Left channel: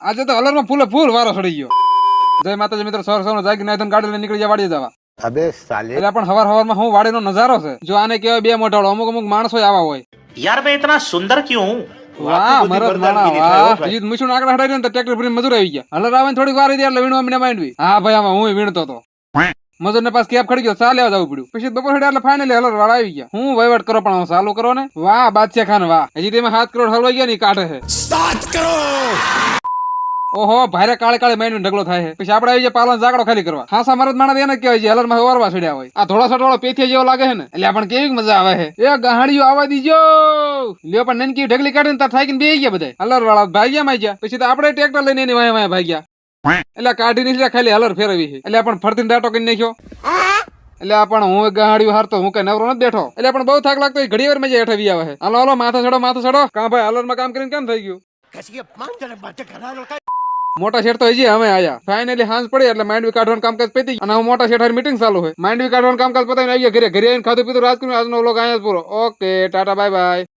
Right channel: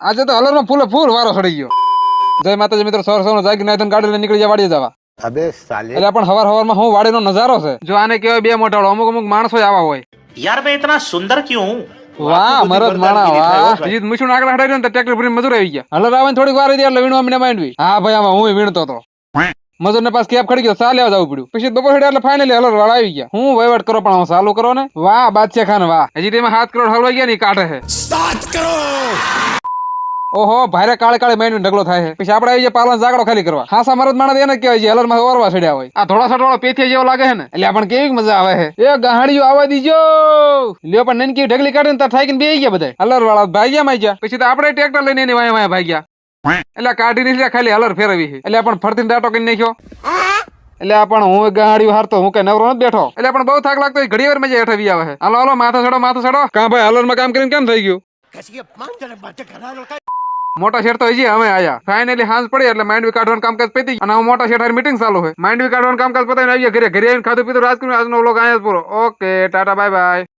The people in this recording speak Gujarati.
આજે તો હલર માં ફૂલ વારો સડી ગયો. જય માતાજી મિત્રો, સવાર જાગી નાઈ ગાડી લઈને નીકળી જાય વાડીએ જવા. अबे साले એટલે પણ હવાર માં હું વાડીનો નજારો છે. જો આને કહેવાય બે મોટાળો, અમુક માણસો આવા હોય. यार मैं इतना सुंदर क्यों हूँ? વાહ મરદ માણા જીત મુશું આગળ હટાઈ ને ટ્રેક્ટર ભરીને મજૂર આવી ગયા. હલર આવે થોડીક વાર રહી એટલે વીણવા મને માંડવી. હા ભાઈ આમાં હું વીણતો હતો. મજૂર ને પાસ કેબ ખડી ગયો, ચાલે જવું પડ્યું. પછી બપોર હેડે એટલે ફાઇનલી હલર વાળા આવી ગયા. હું વહીવટ કરો પણ ચાલુ કરો ને. વાહ બાદશાહ ખાન વાહ, હજી તેમાં 7 કરોડ હલવાઈ ગયા ની કાઢે છે. 7 करोड़। ઓહો ભારે કાળે માંડવી ઢગલો થાય છે. પછી આપણે આવી જાય પાલન ઝાકડો ખાલી કરવા. ખાસા મરદ માણસ એને કહેવાય છે હલર માં વારવા છડ્યા હોય. આ થોડા સટવાળો પેથિયા જેવો લાગે છે ને, એટલે પણ કેવી મજા આવે છે. એ ગાહડીઓ આવવા દીજો લ્યો. પણ નનકી ઢગલી કાઢીને તાર થાકીને બેહી ગયા બધા. હલર વાળા ભાગ્યા માં ગયા. પછી તો આપણે ટ્રેક્ટર લઈને એની વાયા ભાગ્યા. એટલે કાઢી નીકળ્યા, ખાલી હલર ફેરવી છે. એટલે પણ ફરતીને દાટો કરી નાખ્યો. એટલે પણ હું ગાડીઓ હારતો, હું કઈ નવરો નથી બેઠો. એટલે પણ બહુ થાક લાગતો, ઘડી વાર મજા હેઠવી આવે છે. હાલો માથા ચડો. કાં ભાઈ હલર માં કામ કરીને કેમ થઈ ગયું? મોટા શેઠ તો હજી અમે આયા. ફાઇનલી હાંસ પડી એટલે માંડવી કાઢવાનું કામકાજ પતી અને મોટા શેઠ મીટિંગ ચાલુ છે. માંડવી કાઢવાનું કામકાજ પતાવીને આવીએ ઘરે આવીને ખાધું પીધું રાજ કર્યું. આજનો વ્લોગ અહીંયા જ પૂરો. Okay tata bye bye.